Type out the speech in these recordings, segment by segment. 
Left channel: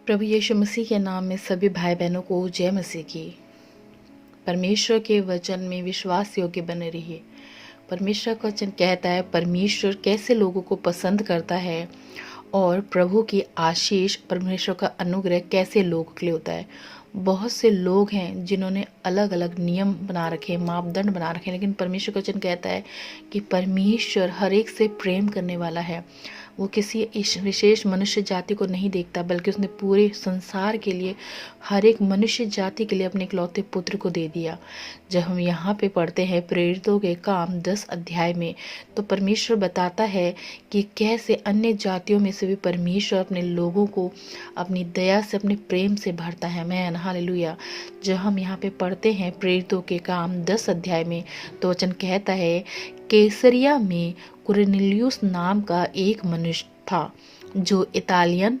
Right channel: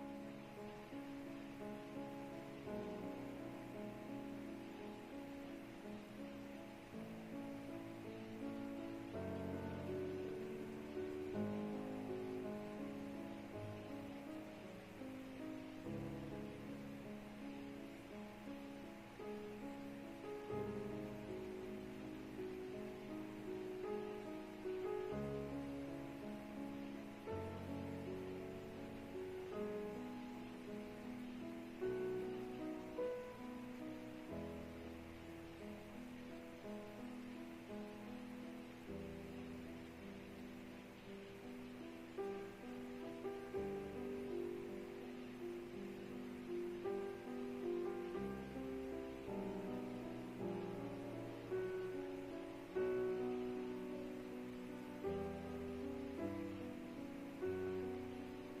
प्रभु यीशु मसीह के नाम में सभी भाई बहनों को जय मसीह की। परमेश्वर के वचन में विश्वास योग्य बने रहिए। परमेश्वर का वचन कहता है परमेश्वर कैसे लोगों को पसंद करता है और प्रभु की आशीष, परमेश्वर का अनुग्रह कैसे लोगों के लिए होता है। बहुत से लोग हैं जिन्होंने अलग अलग नियम बना रखे, मापदंड बना रखे, लेकिन परमेश्वर का वचन कहता है कि परमेश्वर हर एक से प्रेम करने वाला है। वो किसी विशेष मनुष्य जाति को नहीं देखता, बल्कि उसने पूरे संसार के लिए, हर एक मनुष्य जाति के लिए अपने इकलौते पुत्र को दे दिया। जब हम यहाँ पे पढ़ते हैं प्रेरितों के काम 10 अध्याय में, तो परमेश्वर बताता है कि कैसे अन्य जातियों में से भी परमेश्वर अपने लोगों को अपनी दया से, अपने प्रेम से भरता है। Man hallelujah. जब हम यहाँ पे पढ़ते हैं प्रेरितों के काम 10 अध्याय में, तो वचन कहता है कैसरिया में कुरनेलियुस नाम का एक मनुष्य था जो इतालियन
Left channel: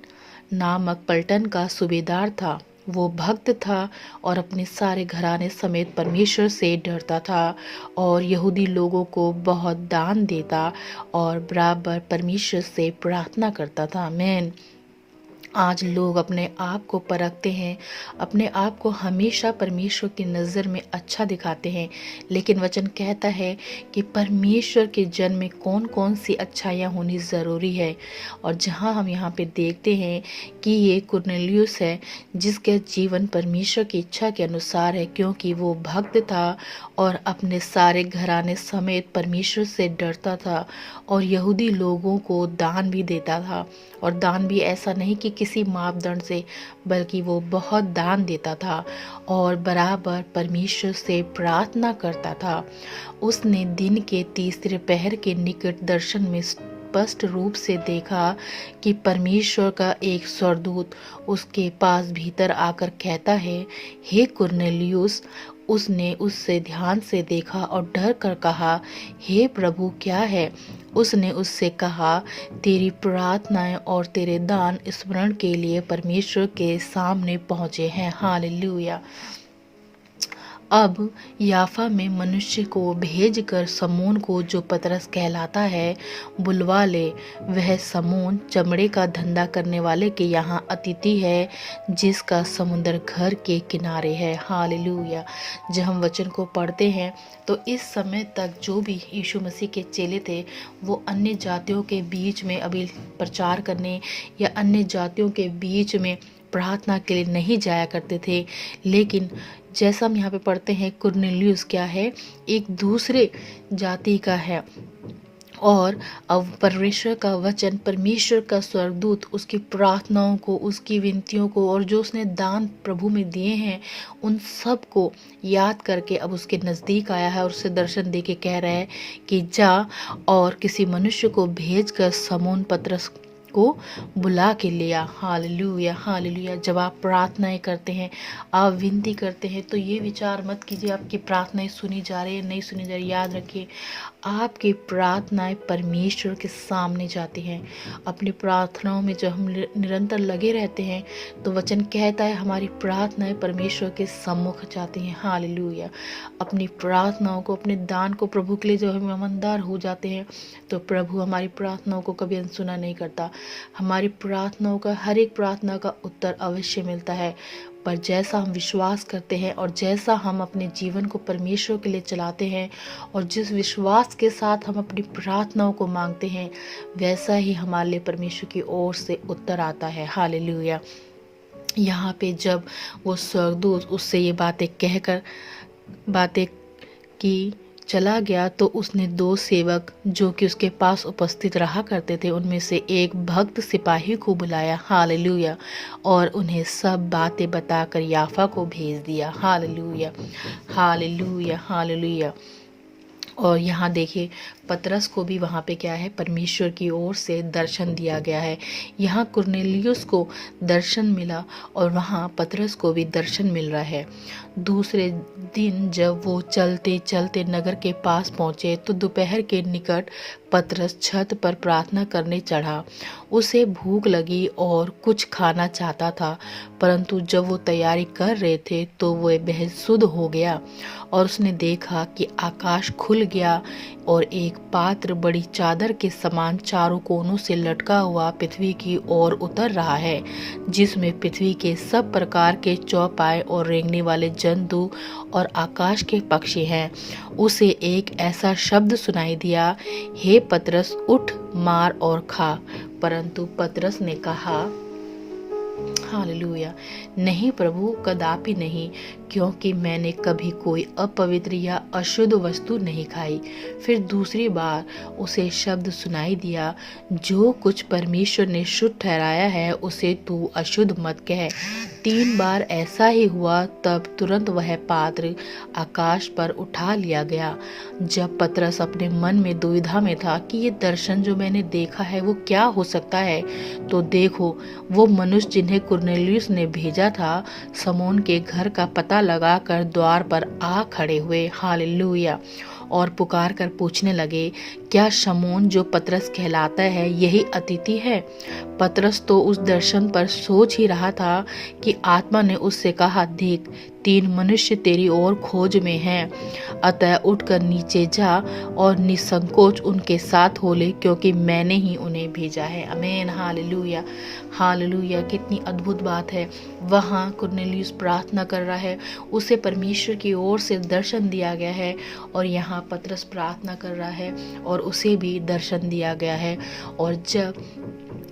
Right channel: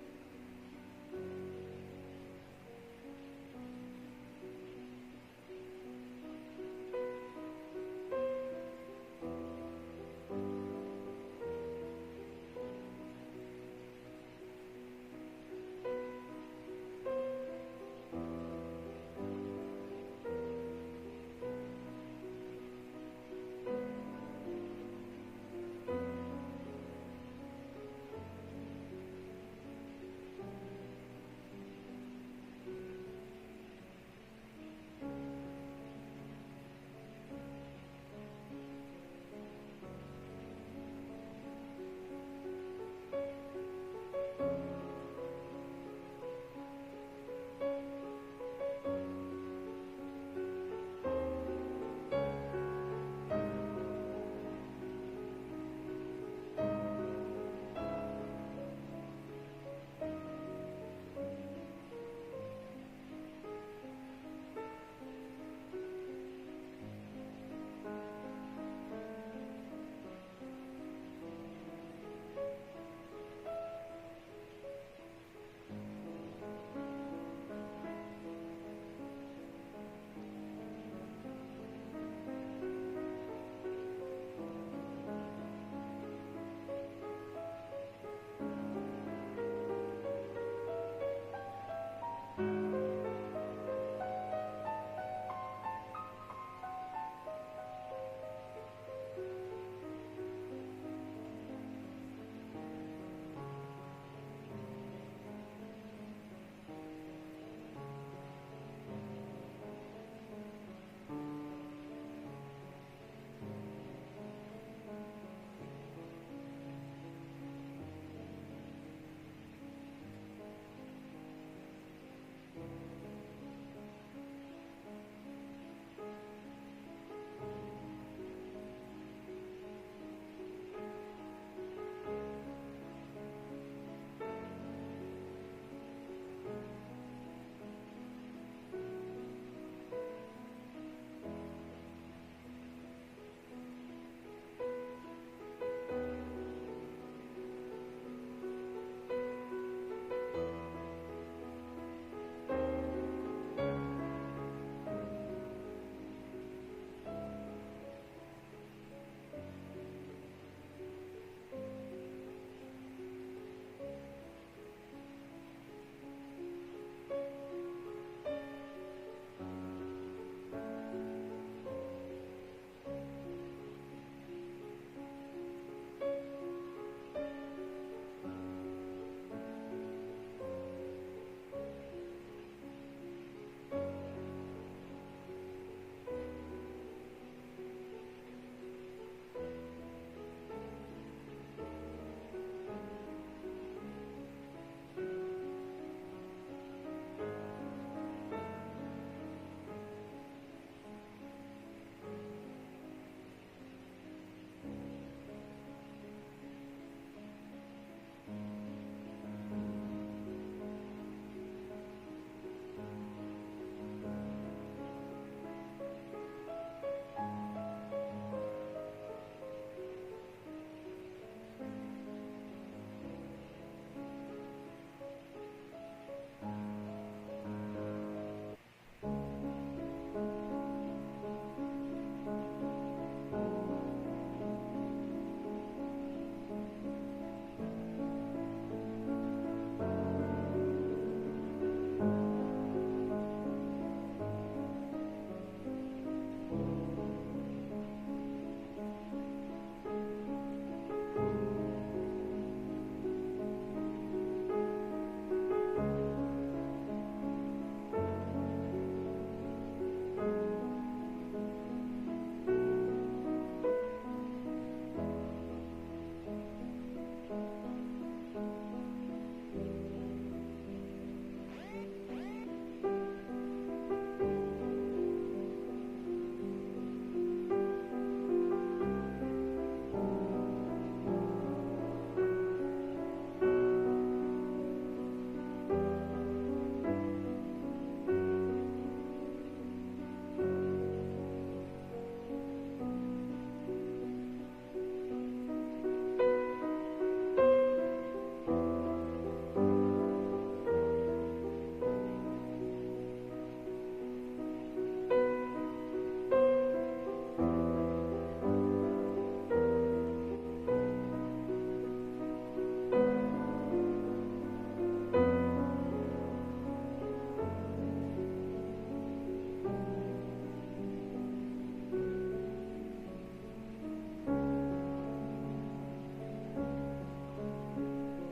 नामक पलटन का सूबेदार था। वो भक्त था और अपने सारे घराने समेत परमेश्वर से डरता था और यहूदी लोगों को बहुत दान देता और बराबर परमेश्वर से प्रार्थना करता था। आमीन। आज लोग अपने आप को परखते हैं, अपने आप को हमेशा परमेश्वर की नज़र में अच्छा दिखाते हैं, लेकिन वचन कहता है कि परमेश्वर के जन में कौन कौन सी अच्छाइयाँ होनी ज़रूरी है। और जहाँ हम यहाँ पे देखते हैं कि ये कुरनेलियुस है जिसका जीवन परमेश्वर की इच्छा के अनुसार है, क्योंकि वो भक्त था और अपने सारे घराने समेत परमेश्वर से डरता था और यहूदी लोगों को दान भी देता था। और दान भी ऐसा नहीं कि किसी मापदंड से, बल्कि वो बहुत दान देता था और बराबर परमेश्वर से प्रार्थना करता था। उसने दिन के तीसरे पहर के निकट दर्शन में स्पष्ट रूप से देखा कि परमेश्वर का एक स्वर्गदूत उसके पास भीतर आकर कहता है, हे कुरनेलियुस। उसने उससे ध्यान से देखा और डर कर कहा, हे प्रभु, क्या है? उसने उससे कहा, तेरी प्रार्थनाएं और तेरे दान स्मरण के लिए परमेश्वर के सामने पहुँचे हैं। हालेलुया। अब याफा में मनुष्य को भेजकर समून को, जो पतरस कहलाता है, बुलवा ले। वह समून चमड़े का धंधा करने वाले के यहाँ अतिथि है, जिसका समुंदर घर के किनारे है। हालेलुया। जब हम वचन को पढ़ते हैं तो इस समय तक जो भी यीशु मसीह के चेले थे, वो अन्य जातियों के बीच में अभी प्रचार करने या अन्य जातियों के बीच में प्रार्थना के लिए नहीं जाया करते थे। लेकिन जैसा हम यहाँ पे पढ़ते हैं, कुरनेलियुस क्या है? एक दूसरे जाति का है और अब परमेश्वर का वचन, परमेश्वर का स्वर्गदूत उसकी प्रार्थनाओं को, उसकी विनतियों को और जो उसने दान प्रभु में दिए हैं, उन सब को याद करके अब उसके नज़दीक आया है और उसे दर्शन दे के कह रहा है कि जा और किसी मनुष्य को भेज कर समून पतरस को बुला के लिया। Hallelujah, hallelujah. जब आप प्रार्थनाएं करते हैं, आप विनती करते हैं, तो ये विचार मत कीजिए आपकी प्रार्थनाएं सुनी जा रही है, नहीं सुनी जा रही। याद रखिए, आपकी प्रार्थनाएं परमेश्वर के सामने जाती हैं। अपनी प्रार्थनाओं में जब हम निरंतर लगे रहते हैं, तो वचन कहता है हमारी प्रार्थनाएं परमेश्वर के सम्मुख जाती हैं। हालेलुया। अपनी प्रार्थनाओं को, अपने दान को प्रभु के लिए जब हम ईमानदार हो जाते हैं, तो प्रभु हमारी प्रार्थनाओं को कभी अनसुना नहीं करता। हमारी प्रार्थनाओं का, हर एक प्रार्थना का उत्तर अवश्य मिलता है। पर जैसा हम विश्वास करते हैं और जैसा हम अपने जीवन को परमेश्वर के लिए चलाते हैं और जिस विश्वास के साथ हम अपनी प्रार्थनाओं को मांगते हैं, वैसा ही हमारे लिए परमेश्वर की ओर से उत्तर आता है। हालेलुया। यहाँ पे जब वो स्वर्गदूत उससे ये बातें की चला गया, तो उसने 2 सेवक जो कि उसके पास उपस्थित रहा करते थे, उनमें से एक भक्त सिपाही को बुलाया। हालेलुया। और उन्हें सब बातें बताकर याफा को भेज दिया। Hallelujah, hallelujah, hallelujah. और यहाँ देखिए, पतरस को भी वहाँ पे क्या है, परमेश्वर की ओर से दर्शन दिया गया है। यहाँ कुरनेलियुस को दर्शन मिला और वहाँ पतरस को भी दर्शन मिल रहा है। दूसरे दिन जब वो चलते चलते नगर के पास पहुँचे, तो दोपहर के निकट पतरस छत पर प्रार्थना करने चढ़ा। उसे भूख लगी और कुछ खाना चाहता था, परंतु जब वो तैयारी कर रहे थे तो वह बेसुध हो गया और उसने देखा कि आकाश खुल गया और एक पात्र बड़ी चादर के समान चारों कोनों से लटका हुआ पृथ्वी की ओर उतर रहा है, जिसमें पृथ्वी के सब प्रकार के चौपाए और रेंगने वाले जंतु और आकाश के पक्षी हैं। उसे एक ऐसा शब्द सुनाई दिया, हे पतरस, उठ, मार और खा। परंतु पतरस ने कहा, हालेलुया, नहीं प्रभु, कदापि नहीं, क्योंकि मैंने कभी कोई अपवित्र या अशुद्ध वस्तु नहीं खाई। फिर दूसरी बार उसे शब्द सुनाई दिया, जो कुछ परमेश्वर ने शुद्ध ठहराया है उसे तू अशुद्ध मत कह। 3 बार ऐसा ही हुआ, तब तुरंत वह पात्र आकाश पर उठा लिया गया। जब पतरस अपने मन में दुविधा में था कि ये दर्शन जो मैंने देखा है वो क्या हो सकता है, तो देखो, वो मनुष्य जिन्हें कुरनेलियुस ने भेजा था, शमौन के घर का पता लगाकर द्वार पर आ खड़े हुए, हालेलुया, और पुकार कर पूछने लगे, क्या शमौन जो पतरस कहलाता है यही अतिथि है? पतरस तो उस दर्शन पर सोच ही रहा था कि आत्मा ने उससे कहा, देख, 3 मनुष्य तेरी ओर खोज में हैं, अतः उठकर नीचे जा और निसंकोच उनके साथ हो ले, क्योंकि मैंने ही उन्हें भेजा है। आमीन, हालेलुया, हालेलुया। कितनी अद्भुत बात है। वहाँ कुरनेलियुस प्रार्थना कर रहा है, उसे परमेश्वर की ओर से दर्शन दिया गया है, और यहाँ पतरस प्रार्थना कर रहा है और उसे भी दर्शन दिया गया है। और जब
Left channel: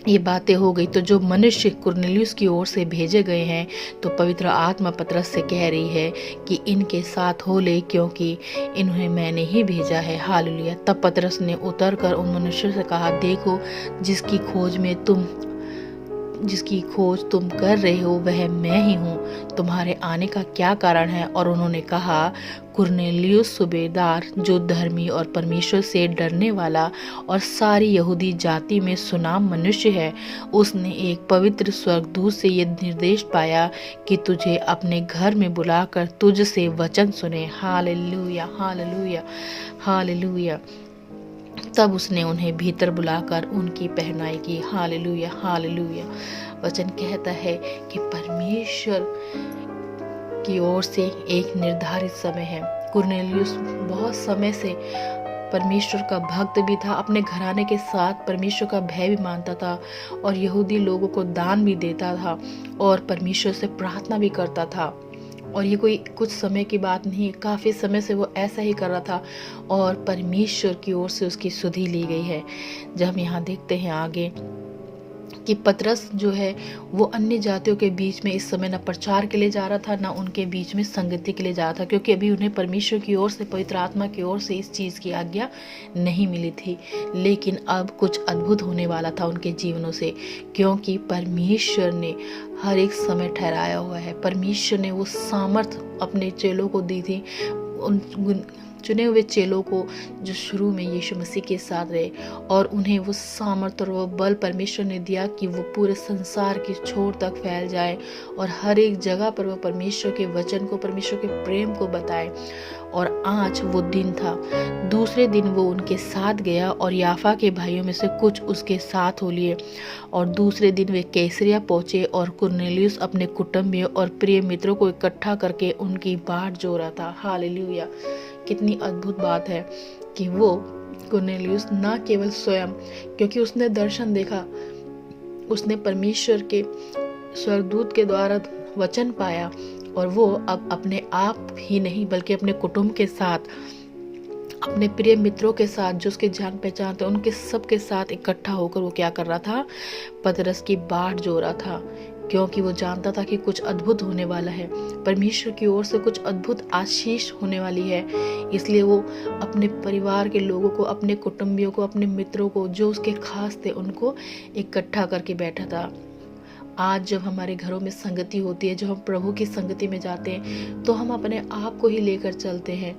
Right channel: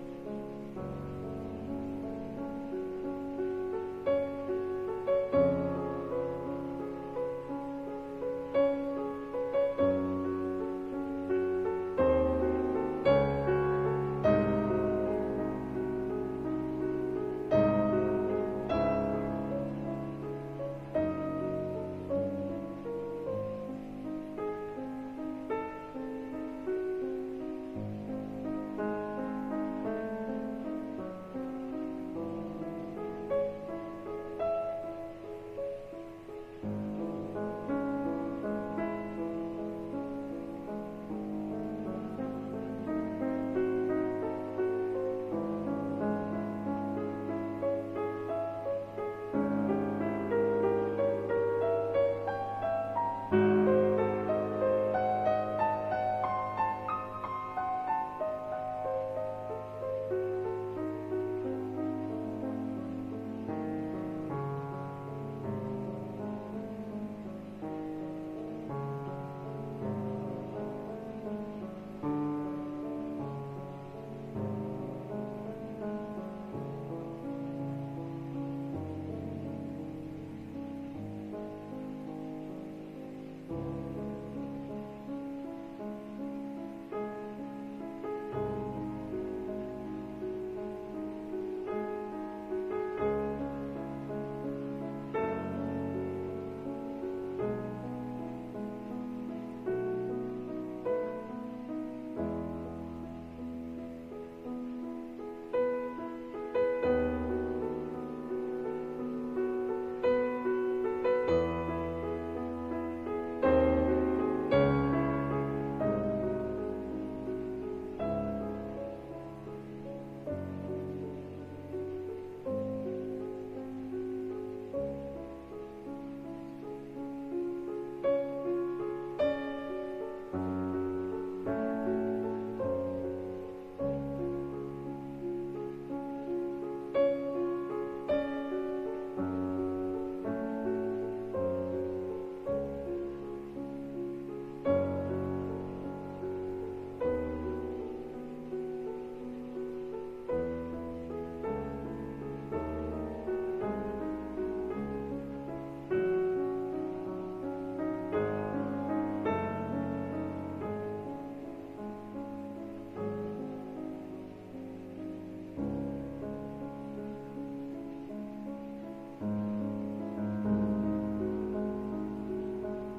ये बातें हो गई तो जो मनुष्य कुरनेलियुस की ओर से भेजे गए हैं, तो पवित्र आत्मा पतरस से कह रही है कि इनके साथ हो ले, क्योंकि इन्हें मैंने ही भेजा है। हालेलुया। तब पतरस ने उतर कर उन मनुष्यों से कहा, देखो, जिसकी खोज तुम कर रहे हो वह मैं ही हूँ। तुम्हारे आने का क्या कारण है? और उन्होंने कहा, कुरनेलियुस सूबेदार, जो धर्मी और परमेश्वर से डरने वाला और सारी यहूदी जाति में सुनाम मनुष्य है, उसने एक पवित्र स्वर्गदूत से ये निर्देश पाया कि तुझे अपने घर में बुलाकर तुझ से वचन सुने। Hallelujah, hallelujah, hallelujah. तब उसने उन्हें भीतर बुलाकर उनकी पहनाई की। Hallelujah, hallelujah. वचन कहता है कि परमेश्वर की ओर से एक निर्धारित समय है। कुरनेलियुस बहुत समय से परमेश्वर का भक्त भी था, अपने घराने के साथ परमेश्वर का भय भी मानता था, और यहूदी लोगों को दान भी देता था और परमेश्वर से प्रार्थना भी करता था। और ये कोई कुछ समय की बात नहीं, काफ़ी समय से वो ऐसा ही कर रहा था, और परमेश्वर की ओर से उसकी सुधि ली गई है। जब हम यहाँ देखते हैं आगे कि पतरस जो है वो अन्य जातियों के बीच में इस समय न प्रचार के लिए जा रहा था, ना उनके बीच में संगति के लिए जा रहा था, क्योंकि अभी उन्हें परमेश्वर की ओर से, पवित्र आत्मा की ओर से इस चीज़ की आज्ञा नहीं मिली थी। लेकिन अब कुछ अद्भुत होने वाला था उनके जीवनों से, क्योंकि परमेश्वर ने हर एक समय ठहराया हुआ है। परमेश्वर ने वो सामर्थ अपने चेलों को दी थी, उन चुने हुए चेलों को जो शुरू में यीशु मसीह के साथ रहे, और उन्हें वो सामर्थ और वो बल परमेश्वर ने दिया कि वो पूरे संसार की छोर तक फैल जाए और हर एक जगह पर वो परमेश्वर के वचन को, परमेश्वर के प्रेम को बताए। और आज वो दिन था। दूसरे दिन वो उनके साथ गया और याफा के भाइयों में से कुछ उसके साथ हो लिए, और दूसरे दिन वे कैसरिया पहुंचे, और कुरनेलियुस अपने कुटुंबियों और प्रिय मित्रों को इकट्ठा करके उनकी बाट जोड़ा था। हालेलुया। कितनी अद्भुत बात है कि वो कुरनेलियुस न केवल स्वयं, क्योंकि उसने दर्शन देखा, उसने परमेश्वर के स्वर्गदूत के द्वारा वचन पाया, और वो अब अपने आप ही नहीं बल्कि अपने कुटुंब के साथ, अपने प्रिय मित्रों के साथ, जो उसके जान पहचान थे, उनके सब के साथ इकट्ठा होकर वो क्या कर रहा था? पतरस की बाट जो रहा था, क्योंकि वो जानता था कि कुछ अद्भुत होने वाला है, परमेश्वर की ओर से कुछ अद्भुत आशीष होने वाली है। इसलिए वो अपने परिवार के लोगों को, अपने कुटुंबियों को, अपने मित्रों को, जो उसके खास थे, उनको इकट्ठा करके बैठा था। आज जब हमारे घरों में संगति होती है, जब हम प्रभु की संगति में जाते हैं, तो हम अपने आप को ही लेकर चलते हैं।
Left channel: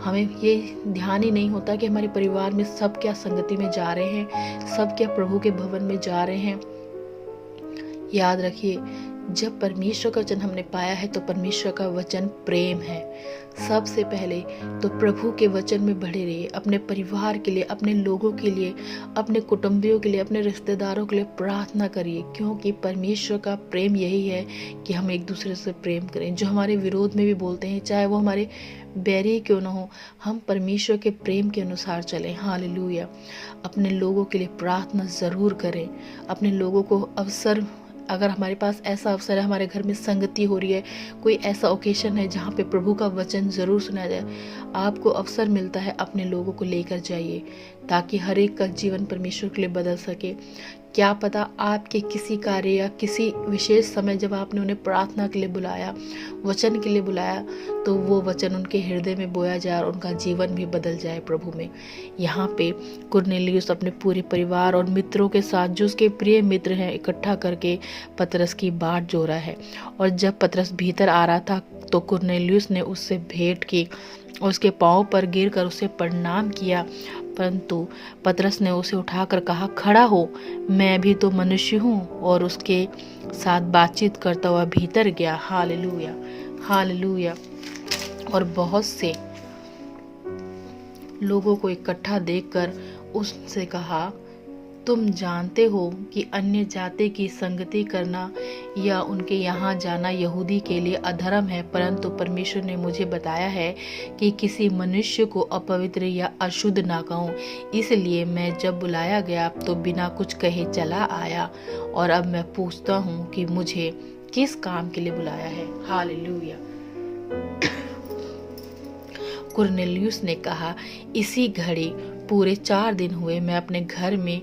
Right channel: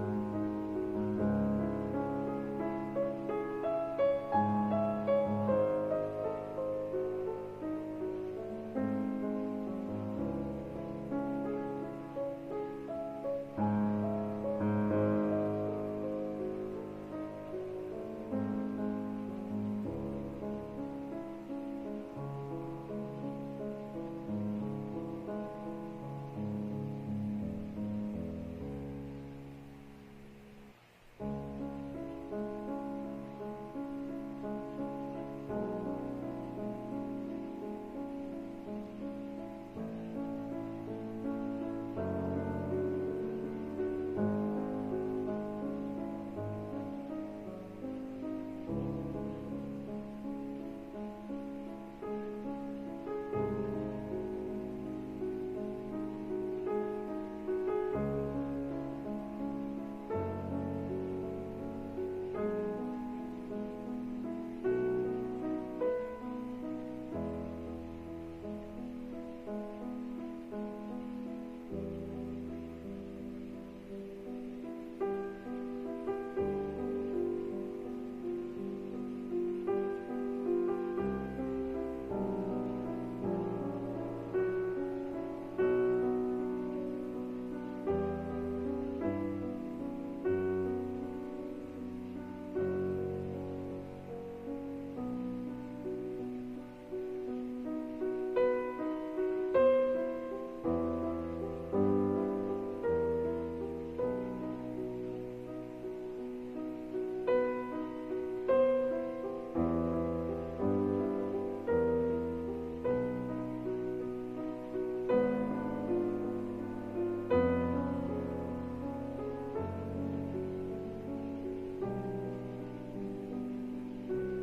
हमें ये ध्यान ही नहीं होता कि हमारे परिवार में सब क्या संगति में जा रहे हैं, सब क्या प्रभु के भवन में जा रहे हैं। याद रखिए, जब परमेश्वर का वचन हमने पाया है तो परमेश्वर का वचन प्रेम है। सबसे पहले तो प्रभु के वचन में बढ़े रहिए। अपने परिवार के लिए, अपने लोगों के लिए, अपने कुटुंबियों के लिए, अपने रिश्तेदारों के लिए प्रार्थना करिए, क्योंकि परमेश्वर का प्रेम यही है कि हम एक दूसरे से प्रेम करें। जो हमारे विरोध में भी बोलते हैं, चाहे वो हमारे बैरी क्यों ना हो, हम परमेश्वर के प्रेम के अनुसार चलें। हालेलुया। अपने लोगों के लिए प्रार्थना ज़रूर करें। अपने लोगों को अवसर, अगर हमारे पास ऐसा अवसर है, हमारे घर में संगति हो रही है, कोई ऐसा ओकेशन है जहाँ पे प्रभु का वचन ज़रूर सुना जाए, आपको अवसर मिलता है, अपने लोगों को लेकर जाइए ताकि हर एक का जीवन परमेश्वर के लिए बदल सके। क्या पता आपके किसी कार्य या किसी विशेष समय जब आपने उन्हें प्रार्थना के लिए बुलाया, वचन के लिए बुलाया, तो वो वचन उनके हृदय में बोया जाए और उनका जीवन भी बदल जाए प्रभु में। यहाँ पे कुरनेलियुस अपने पूरे परिवार और मित्रों के साथ, जो उसके प्रिय मित्र हैं, इकट्ठा करके पतरस की बाट जोड़ा है। और जब पतरस भीतर आ रहा था तो कुरनेलियुस ने उससे भेंट की, उसके पांव पर गिरकर उसे प्रणाम किया, परंतु पतरस ने उसे उठाकर कहा, खड़ा हो, मैं भी तो मनुष्य हूँ, और उसके साथ बातचीत करता हुआ भीतर गया। Hallelujah, hallelujah. और बहुत से लोगों को इकट्ठा देखकर उससे कहा, तुम जानते हो कि अन्य जाति की संगति करना या उनके यहाँ जाना यहूदी के लिए अधर्म है, परंतु परमेश्वर ने मुझे बताया है कि किसी मनुष्य को अपवित्र या अशुद्ध ना कहूँ। इसलिए मैं जब बुलाया गया तो बिना कुछ कहे चला आया, और अब मैं पूछता हूँ कि मुझे किस काम के लिए बुलाया है। हालेलुया। कुरनेलियुस ने कहा, इसी घड़ी पूरे 4 दिन हुए मैं अपने घर में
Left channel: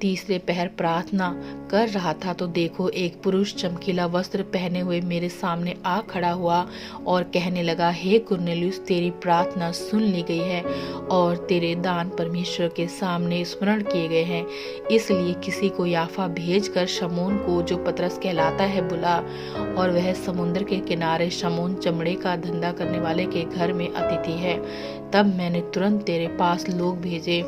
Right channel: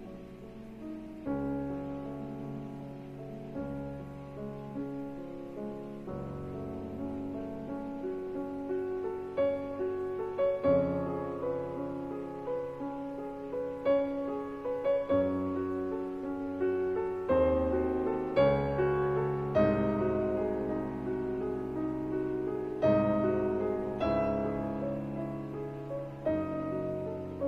तीसरे पहर प्रार्थना कर रहा था, तो देखो एक पुरुष चमकीला वस्त्र पहने हुए मेरे सामने आ खड़ा हुआ और कहने लगा, हे कुरनेलियुस, तेरी प्रार्थना सुन ली गई है और तेरे दान परमेश्वर के सामने स्मरण किए गए हैं। इसलिए किसी को याफा भेजकर शमौन को, जो पतरस कहलाता है, बुला, और वह समुद्र के किनारे शमौन चमड़े का धंधा करने वाले के घर में अतिथि है। तब मैंने तुरंत तेरे पास लोग भेजे।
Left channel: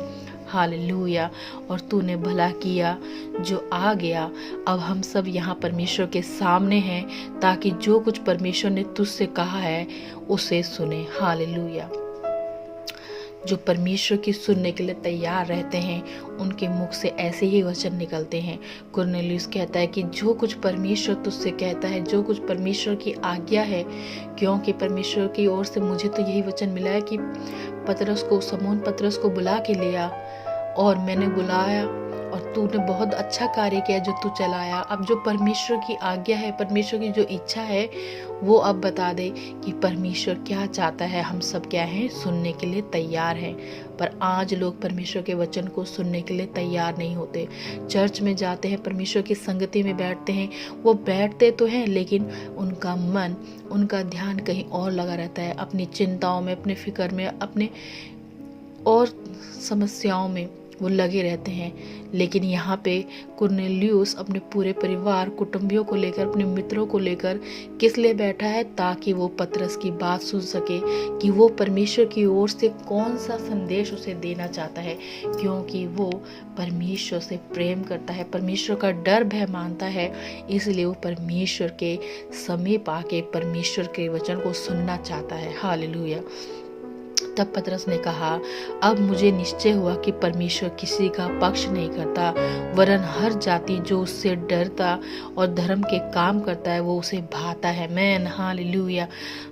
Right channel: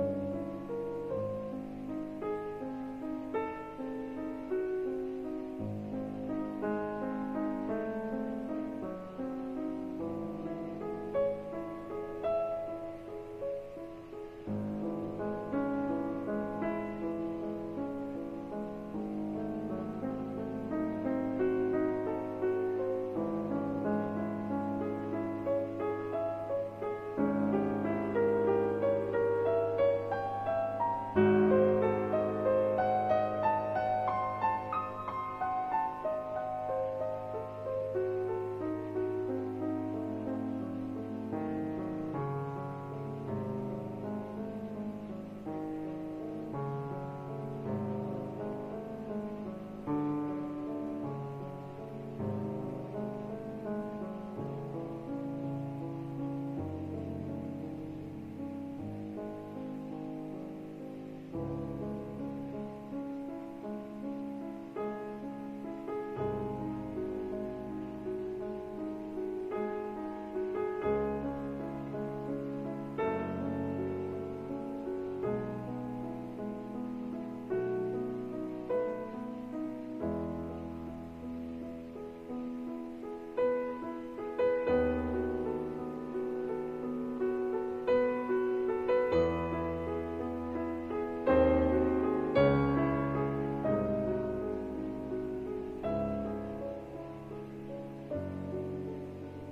हालेलुया। और तूने भला किया जो आ गया। अब हम सब यहाँ परमेश्वर के सामने हैं ताकि जो कुछ परमेश्वर ने तुझसे कहा है उसे सुने। हालेलुया। जो परमेश्वर की सुनने के लिए तैयार रहते हैं उनके मुख से ऐसे ही वचन निकलते हैं। कुरनेलियुस कहता है कि जो कुछ परमेश्वर तुझसे कहता है, जो कुछ परमेश्वर की आज्ञा है, क्योंकि परमेश्वर की ओर से मुझे तो यही वचन मिला है कि शमौन पतरस को बुला के लिया, और मैंने बुलाया और तूने बहुत अच्छा कार्य किया जो तू चलाया। अब जो परमेश्वर की आज्ञा है, परमेश्वर की जो इच्छा है, वो अब बता दे कि परमेश्वर क्या चाहता है। हम सब क्या हैं, सुनने के लिए तैयार हैं, पर आज लोग परमेश्वर के वचन को सुनने के लिए तैयार नहीं होते। चर्च में जाते हैं, परमेश्वर की संगति में बैठते हैं, वो बैठते तो हैं लेकिन उनका मन, उनका ध्यान कहीं और लगा रहता है, अपनी चिंताओं में, अपने फिक्र में, अपने और समस्याओं में वो लगे रहते हैं। लेकिन यहाँ पे कुरनेलियुस अपने पूरे परिवार, कुटुंबियों को लेकर, अपने मित्रों को लेकर किस लिए बैठा है, ताकि वो पतरस की बात सुन सके कि वो परमेश्वर की ओर से कौन सा संदेश उसे देना चाहता है, क्योंकि वो परमेश्वर से प्रेम करता है, परमेश्वर का डर भय मानता है, इसलिए वो परमेश्वर के समीप आके परमेश्वर के वचन को सुनना चाहता है। हालेलुया। तब पतरस ने कहा, अब मुझे निश्चय हुआ कि परमेश्वर किसी का पक्ष नहीं करता, वरन हर जाति जो उससे डरता और धर्म के काम करता है वो उसे भाता है। Man, hallelujah,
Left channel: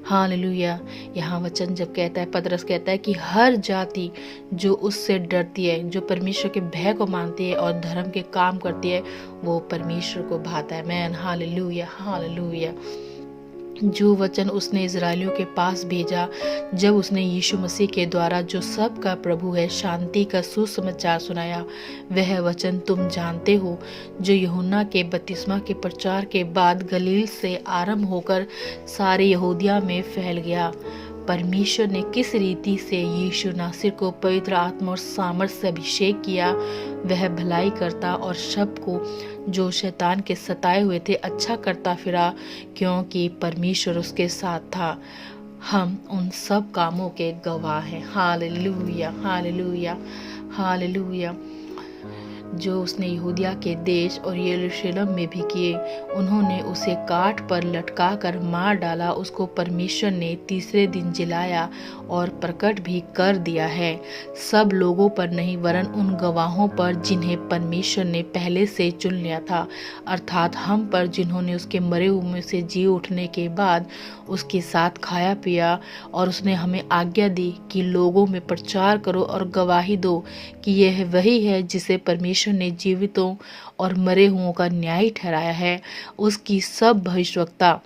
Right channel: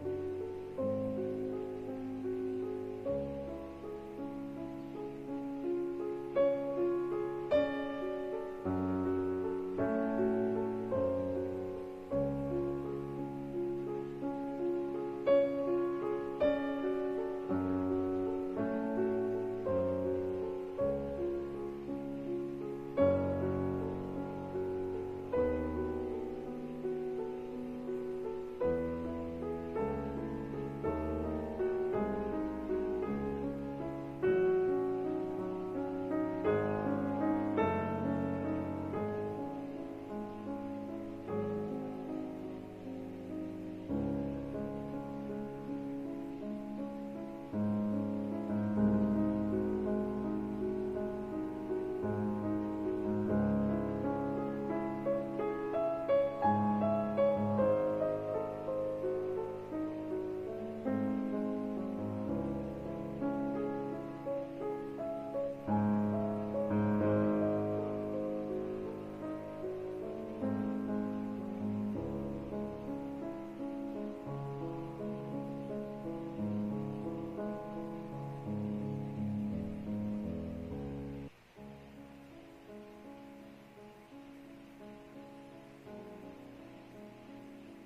hallelujah. यहाँ वचन जब कहता है, पतरस कहता है कि हर जाति जो उससे डरती है, जो परमेश्वर के भय को मानती है और धर्म के काम करती है, वो परमेश्वर को भाता है। Man, hallelujah, hallelujah. जो वचन उसने इजरायलियों के पास भेजा जब उसने यीशु मसीह के द्वारा, जो सब का प्रभु है, शांति का सुसमाचार सुनाया, वह वचन तुम जानते हो, जो यूहन्ना के बपतिस्मा के प्रचार के बाद गलील से आरंभ होकर सारे यहूदिया में फैल गया। परमेश्वर ने किस रीति से यीशु नासरी को पवित्र आत्मा और सामर्थ्य से अभिषेक किया, वह भलाई करता और सबको जो शैतान के सताए हुए थे अच्छा करता फिरा, क्योंकि परमेश्वर उसके साथ था। हम उन सब कामों के गवाह हैं। Hallelujah, hallelujah, hallelujah. जो उसने यहूदिया के देश और यरूशलेम में भी किए। उन्होंने उसे काठ पर लटका कर मार डाला। उसको परमेश्वर ने तीसरे दिन जिलाया और प्रकट भी कर दिया है, सब लोगों पर नहीं वरन उन गवाहों पर जिन्हें परमेश्वर ने पहले से चुन लिया था, अर्थात हम पर, जिन्होंने उसके मरे हुए में से जी उठने के बाद उसके साथ खाया पिया। और उसने हमें आज्ञा दी कि लोगों में प्रचार करो और गवाही दो कि यह वही है जिसे परमेश्वर ने जीवितों और मरे हुओं का न्यायी ठहराया है। उसकी सब भविष्यवक्ता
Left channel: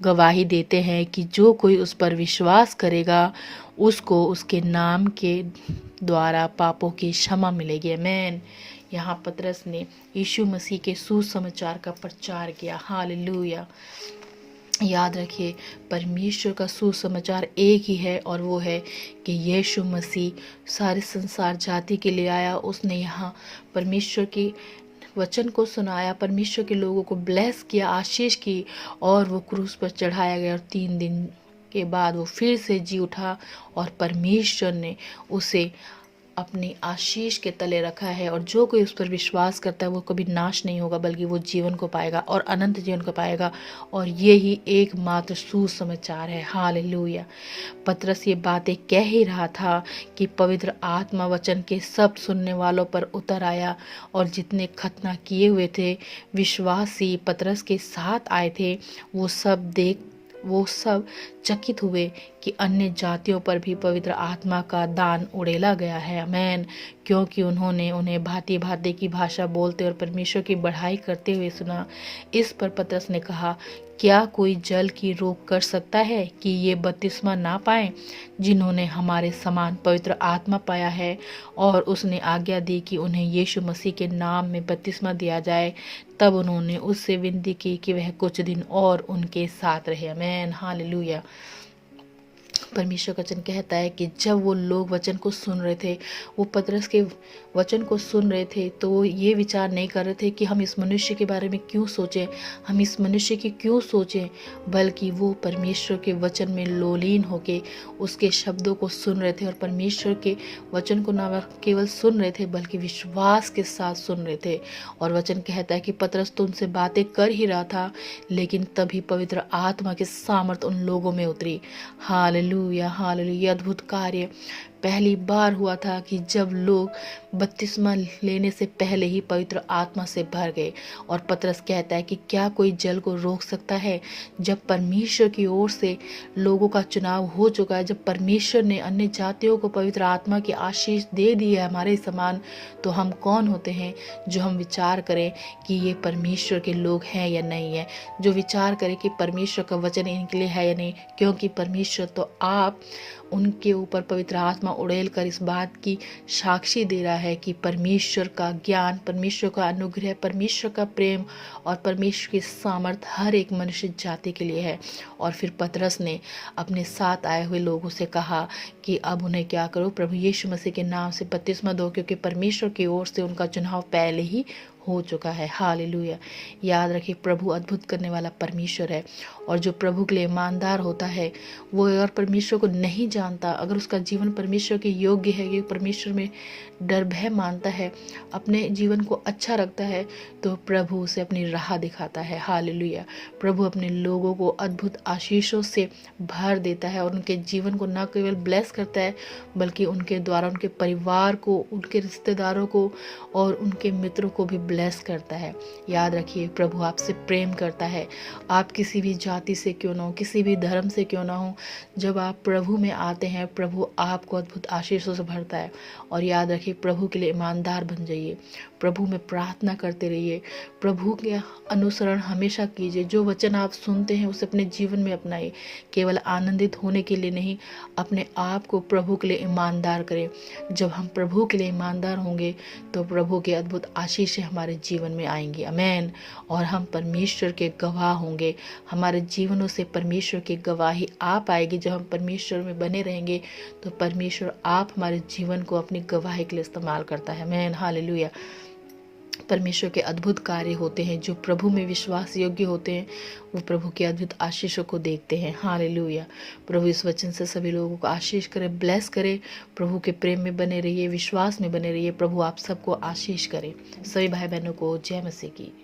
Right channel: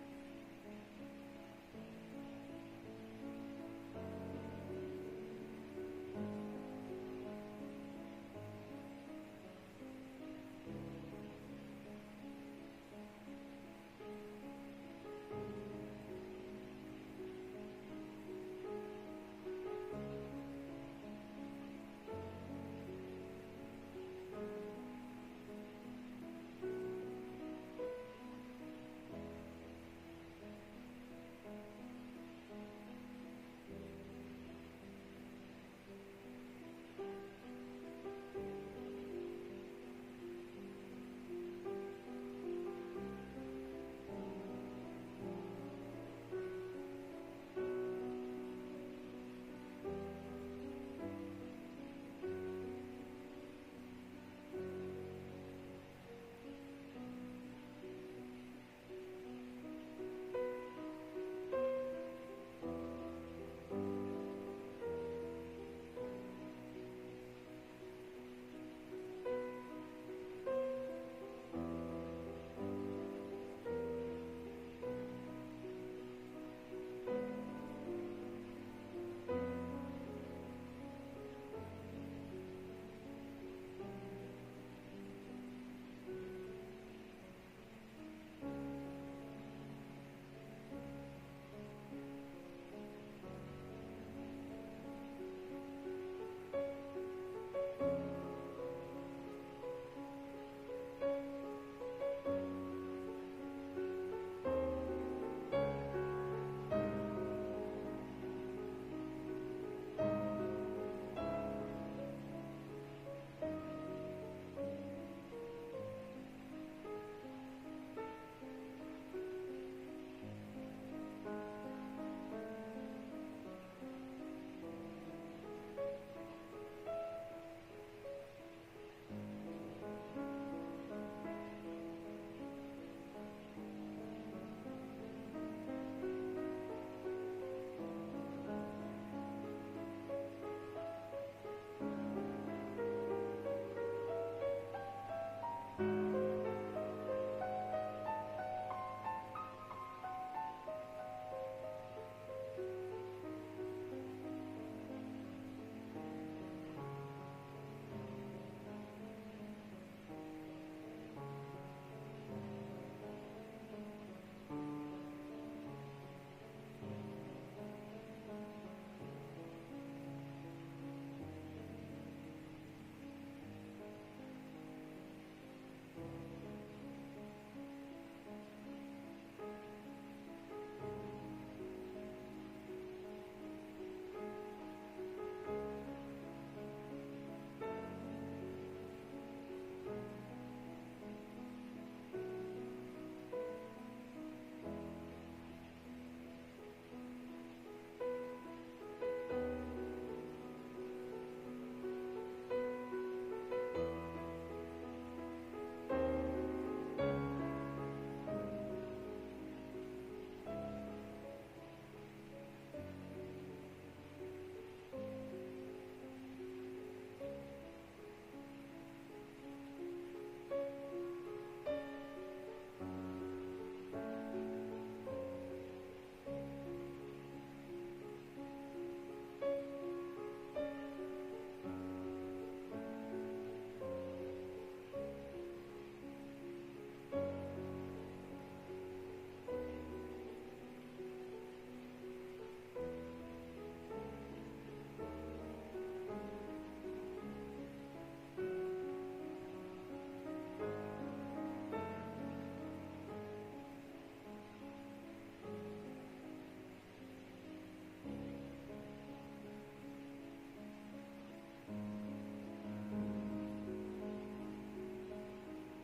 गवाही देते हैं कि जो कोई उस पर विश्वास करेगा उसको उसके नाम के द्वारा पापों की क्षमा मिलेगी। आमीन। यहाँ पतरस ने यीशु मसीह के सुसमाचार का प्रचार किया। हालेलुया। याद रखिए, परमेश्वर का सुसमाचार एक ही है और वो है कि यीशु मसीह सारे संसार जाति के लिए आया। उसने यहाँ परमेश्वर की वचन को सुनाया, परमेश्वर के लोगों को ब्लेस किया, आशीष की, और वो क्रूस पर चढ़ाया गया और 3 दिन के बाद वो फिर से जी उठा और परमेश्वर ने उसे अपनी आशीष के तले रखा है। और जो कोई उस पर विश्वास करता है वो कभी नाश नहीं होगा बल्कि वो जीवन को पाएगा और अनंत जीवन को पाएगा। और ये ही एकमात्र सुसमाचार है। हालेलुया। पतरस ये बातें कह ही रहा था कि पवित्र आत्मा वचन के सब सुनने वालों पर उतर आया, और जितने खतना किए हुए थे विश्वासी पतरस के साथ आए थे वो सब चकित हुए कि अन्य जातियों पर भी पवित्र आत्मा का दान उड़ेला गया है। आमीन। क्योंकि उन्होंने उन्हें भांति भांति की भाषा बोलते और परमेश्वर की बढ़ाई करते हुए सुना। इस पर पतरस ने कहा, क्या कोई जल की रोक कर सकता है कि ये बपतिस्मा ना पाएं जिन्होंने हमारे समान पवित्र आत्मा पाया है? और उसने आज्ञा दी कि उन्हें यीशु मसीह के नाम में बपतिस्मा दिया जाए। तब उन्होंने उससे विनती की कि वह कुछ दिन और उनके साथ रहे। आमीन। हालेलुया। परमेश्वर का वचन कहता है कि जब वो लोग वचन को सुन रहे थे, वो पतरस के वचन को सुन रहे थे, तो वो ये विचार नहीं कर रहे थे कि हम इस मनुष्य के बारे में क्यों सोचें, हम इस मनुष्य की क्यों सोचें, बल्कि वो परमेश्वर के वचन में लोलीन होके उसके शब्दों को सुन रहे थे। और परमेश्वर के वचन को ना केवल सुन रहे थे बल्कि विश्वास के साथ सुन रहे थे। और वचन कहता है कि पतरस तो उनसे बातें कर ही रहा था, लेकिन तभी पवित्र आत्मा की सामर्थ उन लोगों में उतरी। Hallelujah, hallelujah. अद्भुत कार्य पहली बार हुआ था कि जब लोग बपतिस्मा लेने से पहले ही पवित्र आत्मा से भर गए। और पतरस कहता है कि क्या कोई जल को रोक सकता है? जब परमेश्वर की ओर से लोगों का चुनाव हो चुका है, जब परमेश्वर ने अन्य जातियों को पवित्र आत्मा की आशीष दे दी है हमारे समान, तो हम कौन होते हैं जो हम विचार करें कि ये परमेश्वर के लोग हैं या नहीं है, जो विचार करें कि परमेश्वर का वचन इनके लिए है या नहीं। क्योंकि परमेश्वर तो आप उनके ऊपर पवित्र आत्मा उड़ेल कर इस बात की साक्षी दे रहा है कि परमेश्वर का ज्ञान, परमेश्वर का अनुग्रह, परमेश्वर का प्रेम और परमेश्वर की सामर्थ हर एक मनुष्य जाति के लिए है। और फिर पतरस ने अपने साथ आए हुए लोगों से कहा कि अब उन्हें क्या करो, प्रभु यीशु मसीह के नाम से बपतिस्मा दो, क्योंकि परमेश्वर की ओर से उनका चुनाव पहले ही हो चुका है। हालेलुया। याद रखिए, प्रभु अद्भुत करने वाला परमेश्वर है, और जो प्रभु के लिए ईमानदार होता है वो अगर परमेश्वर को नहीं जानता, अगर उसका जीवन परमेश्वर के योग्य है, कि परमेश्वर में डर भय मानता है, अपने जीवन को अच्छा रखता है, तो प्रभु उसे अपनी राह दिखाता है। हालेलुया। प्रभु अपने लोगों को अद्भुत आशीषों से भर देता है और उनके जीवन को न केवल ब्लेस करता है बल्कि उनके द्वारा उनके परिवार को, उनके रिश्तेदारों को और उनके मित्रों को भी ब्लेस करता है। याद रखिए, प्रभु आपसे प्रेम करता है। आप किसी भी जाति से क्यों ना हो, किसी भी धर्म से क्यों ना हो, जब आप प्रभु में आते हैं प्रभु आपको अद्भुत आशीषों से भरता है। और याद रखिए, प्रभु के लिए ईमानदार बन जाइए, प्रभु में प्रार्थना करते रहिए, प्रभु के अनुसरण हमेशा कीजिए। जो वचन आप सुनते हैं उसे अपने जीवन में अपनाइए। केवल आनंदित होने के लिए नहीं, अपने आप को प्रभु के लिए ईमानदार करें। जब हम प्रभु के लिए ईमानदार होंगे तो प्रभु के अद्भुत आशीषें हमारे जीवन में आएंगी। आमीन। और हम परमेश्वर के गवाह होंगे। हमारे जीवनों से परमेश्वर की गवाही आ पाएगी। जब हम परमेश्वर में बने रहेंगे तो परमेश्वर आप हमारे जीवन को अपनी गवाही के लिए इस्तेमाल करता है। आमीन। हालेलुया। परमेश्वर के अद्भुत कार्य होते हैं। जो प्रभु में विश्वास योग्य होते हैं वो प्रभु के अद्भुत आशीषों को देखते हैं। हालेलुया। प्रभु इस वचन से सभी लोगों को आशीष करे, ब्लेस करे। प्रभु के प्रेम में बने रहिए, विश्वास में बने रहिए। प्रभु आप सबको आशीष करे। सभी भाई बहनों को जय मसीह की।